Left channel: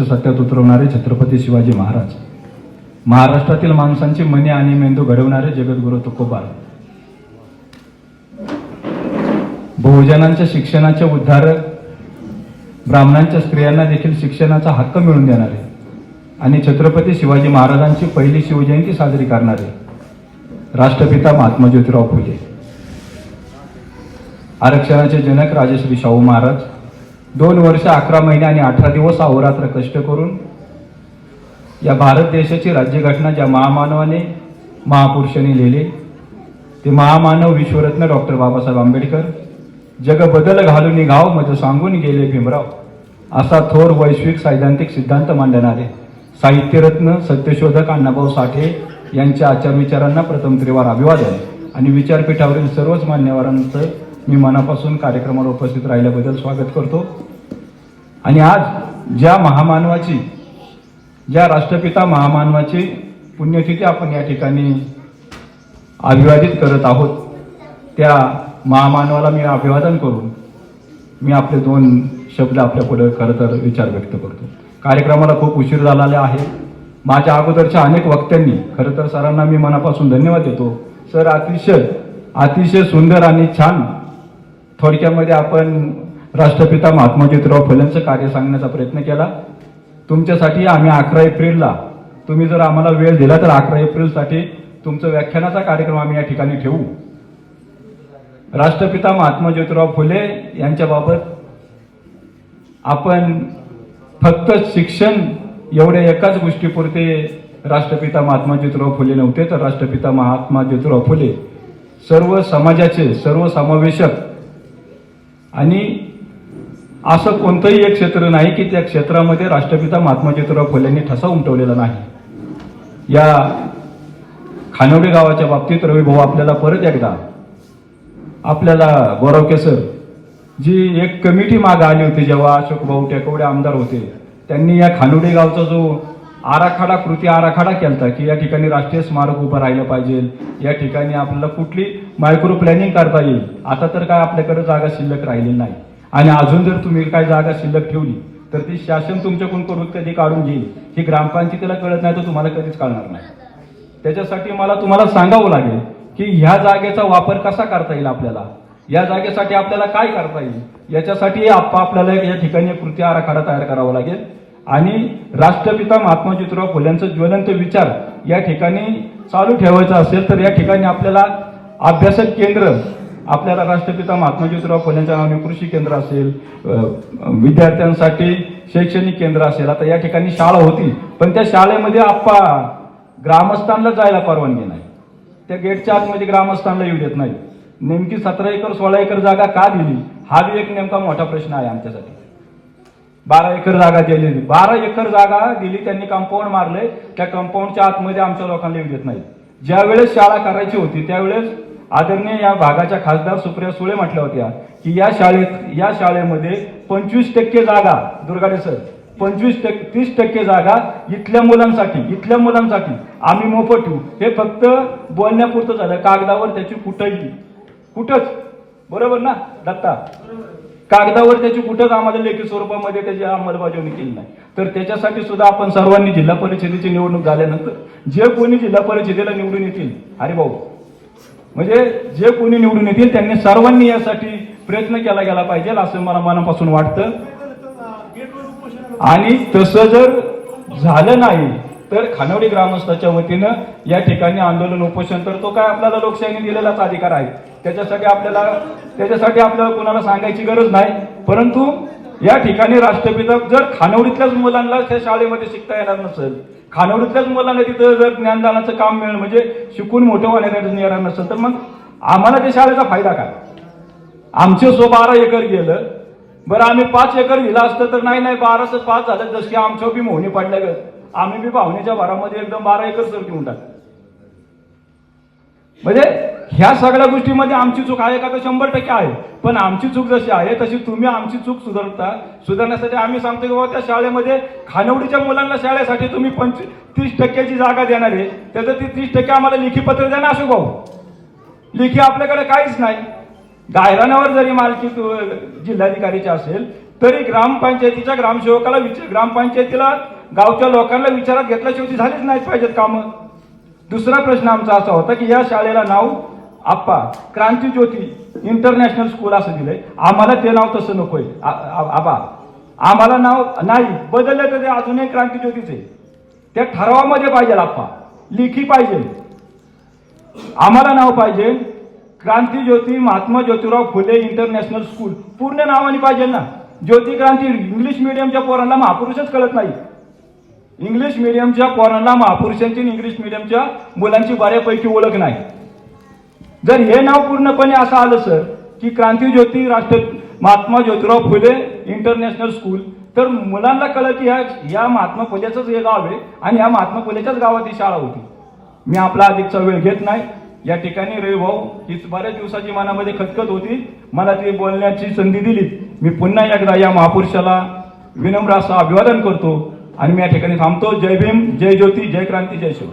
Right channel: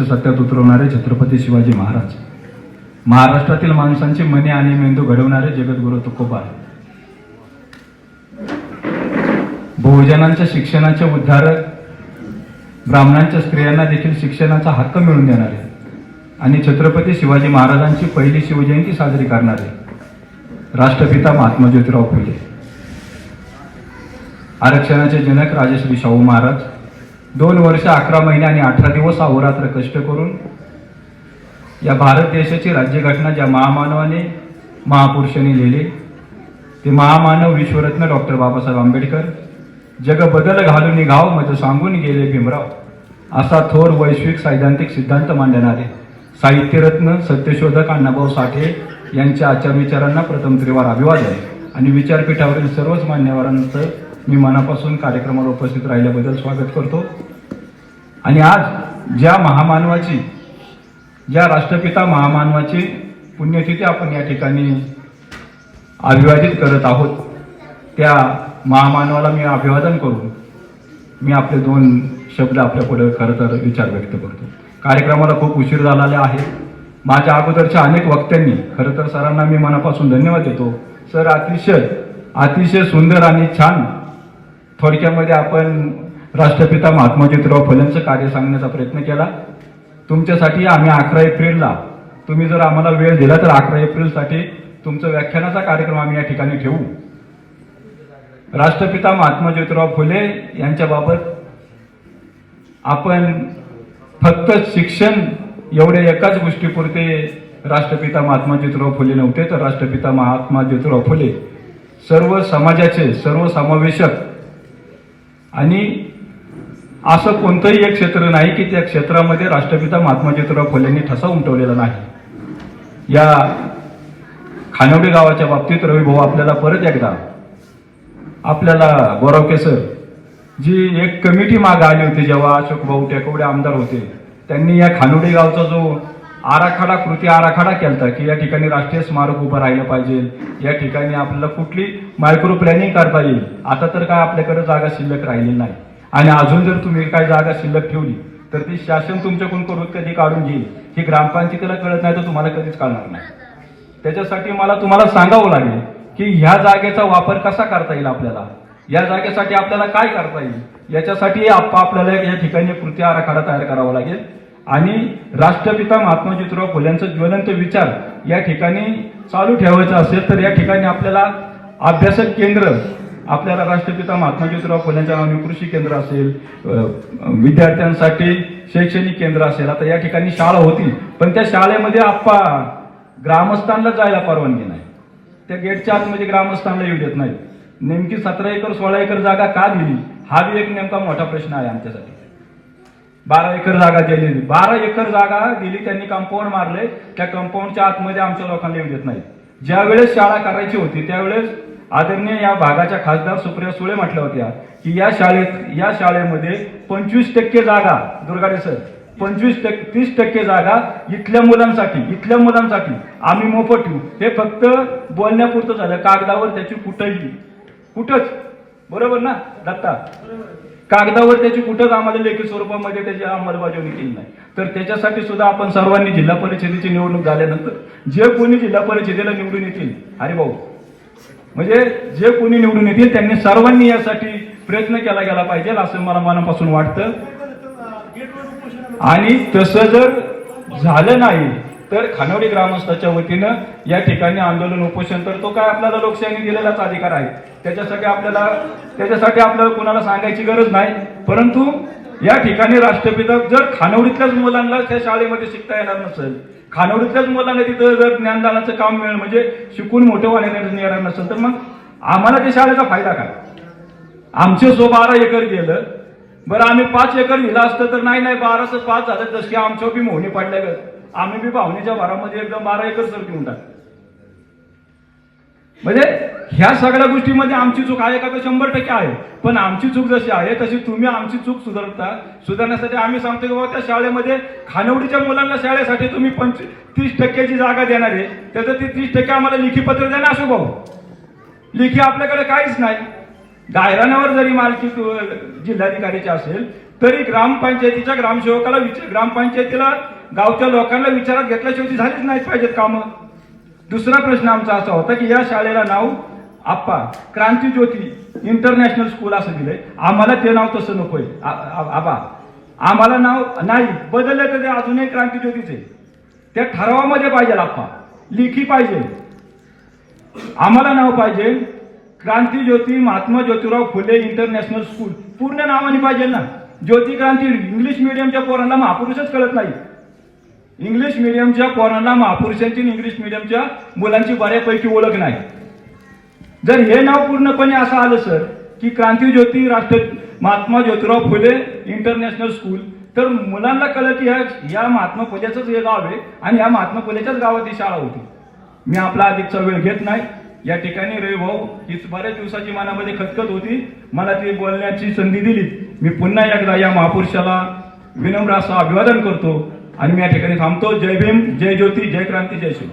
सत्यात उतरवणारे छत्रपती शिवाजी महाराज. महाराष्ट्रातील माणसांची मने आणि मेंदू घडवणारे जगद्गुरु तुकोबार. बहुजनांच्या शिक्षणाचे उद्धारक ब्राह्मणांच्या स्त्रियांना देखील शिक्षणाचा हक्क मिळवून देणारे आणि छत्रपती शिवाजी महाराजांची पहिली शिवजयंती साजरी करणारे राष्ट्रपिता महात्मा ज्योतिराव फुले. आरक्षणाचे जनक राजश्री शाहू महाराज दोन वर्ष अकरा महिने आणि अठरा दिवस अहोरात्र कष्ट करून या भारत देशाची राज्यघटना ज्या महामानवाने महापुरुषांनी लिहिली ते महामानव विश्वरत्न डॉक्टर बाबासाहेब आंबेडकर जग बदल घालून निघाव मज सांगून गेले भीमराव. असा थोर वैश्विक सैद्धांतिक सिद्धांत मांडणारे साहित्यरत्न सत्यशोधक अण्णाभाऊ साठे यांच्या आचार विचारांना प्रथम त्रिवार अभिवादन आणि विचारपीठावरील सर्वच मान्यवरांचं मी मनापासून कार्यक्रमाला उपस्थित राहिल्याबद्दल स्वागत करतो. आणि आज ज्या महामानवाची ज्या राष्ट्रपिता महामानवाची पुण्यतिथी आपण या ठिकाणी अभिवादित करत आहोत त्या महामानवाला मी अभिवादन करून मी आपले दोन शब्द आपल्या पुढे खरं तर विचार व्यक्त करतो. कार्यक्रमाला खूप उशीर झालेला आहे. माझ्या अगोदरच्या अनेक वक्त्यांनी खरं तर सरांना मी मनापासून धन्यवाद देतो. सर अतिशय अतिशय सुंदर आणि छान थोडक्यामध्ये आपण राष्ट्रपिता महात्मा ज्योतिराव फुलेंचं कार्य सांगण्याचा प्रयत्न केला. तुमच्यासाठी आम्ही अकरा एप्रिलला तुम्ही जर आम्हाला वेळ दिला तर अकरा एप्रिलसाठी तुमचं व्याख्यानाचा कार्यक्रम आम्ही या ठिकाणी ठेवू. राष्ट्रपिता महात्मा ज्योतिराव फुले यांच्याबाबत आपण फक्त शिक्षण एवढ्या एकाच गोष्टीपुरते राष्ट्रपिता महात्मा ज्योतिराव फुले नव्हते तर राष्ट्रपिता महात्मा ज्योतिराव फुले सर्व समाजाचे सर्व समावेशक आणि असं कोणतंही एक क्षेत्र नाही की त्या क्षेत्रामध्ये राष्ट्रपिता महात्मा ज्योतिराव फुलेंनी ठसा उमटवलेला नाही. या खानवडे गावाच्या बाबतीत रवी भाऊ आपल्याला परत एकदा आपल्याला गोरावके केसर जी एक कमिटी मागं आली होती जेव्हा अशोक भाऊ टेकवडे आमदार होते त्यांनी या खानोडे गावचा जो आराखडा कृती आराखडा केलता की या ठिकाणी राष्ट्रीय स्मारक उभं राहिलं पाहिजे. या ठिकाणी आपल्याला कुठली मायक्रो प्लॅनिंग करता येईल? आता तर काय आपल्याकडे जागा शिल्लक राहिलेली नाही. आणि अजून जर तुम्ही काय जागा शिल्लक ठेवली तर ती शासन तुमच्याकडून करून कधी काढून घेईल. ही ग्रामपंचायतीला कळत नाही तर तुम्हाला कधीच कळणार नाही. त्याच्यासाठी मला तुम्हाला सांगावं लागेल की ह्या जागेचा वापर कसा करता येईल आपल्याला? या जागेसाठी आपल्याला काय करता येईल? याच्यासाठी आप आपल्याला या ठिकाणी कृती आराखडा तयार करावा लागेल. आणि राष्ट्रपिता महात्मा ज्योतिराव फुल्यांचं ज्वलंत विचार या ठिकाणी चालू ठेवायचा असेल तर या ठिकाणी आपल्याला अभ्यासक केंद्र आपल्याला राष्ट्रपिता महात्मा ज्योतिराव फुलेंच्या नावाने कृषी केंद्र असेल विद्यार्थ्यांसाठी शैक्षणिक केंद्र असेल आता या ठिकाणी शाळा होती पण त्या शाळेमध्ये आप्पा ग्रामस्थांना जायला परवानगी नाही. त्या गेटच्या आतमध्ये ग्रामस्थांना येऊ देत नाही नेमकी सतरा एकर सोळा एकर जागा का दिली? हा बी एक नेमका मोठा प्रश्न आहे आमच्यासाठी. बारा एकर जागा दिली बारा एकर जागा दिली त्यांनी कंपाऊंड मारले. त्या कंपाऊंडच्या आतमध्ये आमच्या लोकांना येऊ देत नाही ज्या वेळेस शाळा करायची होती त्यावेळेस आदरणीय या भागाच्या खासदार सुप्रिया सुळे म्हटल्या होत्या की या शाळेत या शाळेमध्ये पंचवीस टक्के जागा दुर्गाडे सर पंचवीस टक्के तीस टक्के जागा इथल्या मुलांसाठी इथल्या मुलांसाठी आम्ही मोफत ठेवू. हे फक्त बोलण्यापुरतं झालं. कागदावर त्याची कुठंही कुठंच बरोबर ना दत्ता? कागदावर त्याची कुठंच आम्हाला लेखी स्वरूपामध्ये त्याची अंमलबजावणी केली नाही. तर त्याच्यासाठी सुद्धा आपण सर्वांनी जिल्हा परिषदेची निवडणूक झाल्यानंतर जे कोणी जिल्हा परिषदेला निवडून येतील अरे भाऊ म्हणजे जे कोणी निवडून येतील त्यांनी सर्वांनी यासाठी प्रयत्न केला गेला पाहिजे असं मला मनापासून वाटतं. आणि तसं जर झालं नाही तर खानवडी ग्रामस्थाच्या वतीनं या ठिकाणी आंदोलन उपोषण तर तो काय आपल्याला लोकशाहीने दिलेलाच अधिकार आहे. त्याच्यासाठी आपल्याला त्याच्यासाठी आपल्याला कुणाला सांगायची गरज नाही. परंतु या ठिकाणी राष्ट्रपिता जर खानवडीतल्याच मुलांना त्या शाळेमध्ये शिकता येणार नसेल खानवडीतल्याच मुलांना तिथं जर ज्ञानदानाचं काम मिळेल म्हणजे शिकून मोठं होण्यासाठी येणार नसेल तर मग आम्हाला त्या शाळेचा फायदा काय? आमचे सो बारा एकर गेलं. बरं आम्ही पाच एकर दिला असतं तर नाही नाही बाराचं पाच झालं जशी आमच्या बी मोहनी पडल्या गेलं आम्ही बी भावनेच्या भरामध्ये एकदम बारा एकर सर घेऊन टाक म्हणजे ह्या सगळ्या गोष्टीमध्ये आमची चूक आहे का? तर शंभर टक्के आहे. पण आमची चूक जशी आहे तशी तुम्ही आमची चूक सुधारता सुधारण्यासाठी आम्ही सांगतो की बाबा त्या शाळेमध्ये खानवडीच्या मुलांना शाळेसाठी तुम्ही पंच तीस टक्क्याची जागा देणार आहे. त्याचं ती तीस टक्के आम्हाला लिखी पत्र द्या ना असो भाऊ. लेखी आपल्याकडे काहीच नाही. गायरानावर जरी मालकी जिल्हाधिकारीची असेल तरी ग्रामपंचायतीच्या ग्रामसेवकाला विचार ग्रामपंचायतीला गावच्या लोकांना विचारात घेतल्याशिवाय ती झालीच नाहीच पाहिजेत कामं. दुसरा प्रश्न आमचा असा होता की या शाळेला नाव आप्पा क्रांती ज्योती इंटरनॅशनल स्कूल असं दिलंय. आम्हाला ते नाव तसं नकोय. आबा आम्हाला नाव नाही बदलले तर ते अजूनही क्रांती ज्योतीचे. त्या ठरावामध्ये पाहिजे आप्पा लिखी पाहिजे. आम्हाला नाव पाहिजे क्रांती ज्योती महात्मा ज्योतिराव फुले इंटरनॅशनल स्कूल. पूर्ण नावाने पाहिजे ना. ज्योती क्रांती इंग्लिश मिडियमच्या पोरांना महापुरुषच कळत नाही. इंग्लिश मिडियमच्या पोरांना महापुरुषांची इंग्लिश मिडियमच्या मुलांची बऱ्यापैकी ओळख नाही. जर हे नाव पूर्णपणे असं आलं सर की क्रांती ज्योती राष्ट्र महात्मा ज्योतिराव फुले इंटरनॅशनल स्कूल तर मुलांना कळलं की ह्या या महात्मा फुलेचंच हे गाव आहे आणि या महात्मा फुलेच्याच गावात ही शाळा होती. मी आपला अधिकचा वेळ घेत नाही. या ठिकाणी रे भाऊ हीच बऱ्याच दिवसाची मनामध्ये खतखत होती. मला ती बोलण्याची संधी दिली मी पुन्हा एकदा या महापुरुषाला विनम्र असं अभिवादन करतो. आणि मी या ठिकाणी थांबतो. जय भीम जय ज्योती जय क्रांती जय शिव.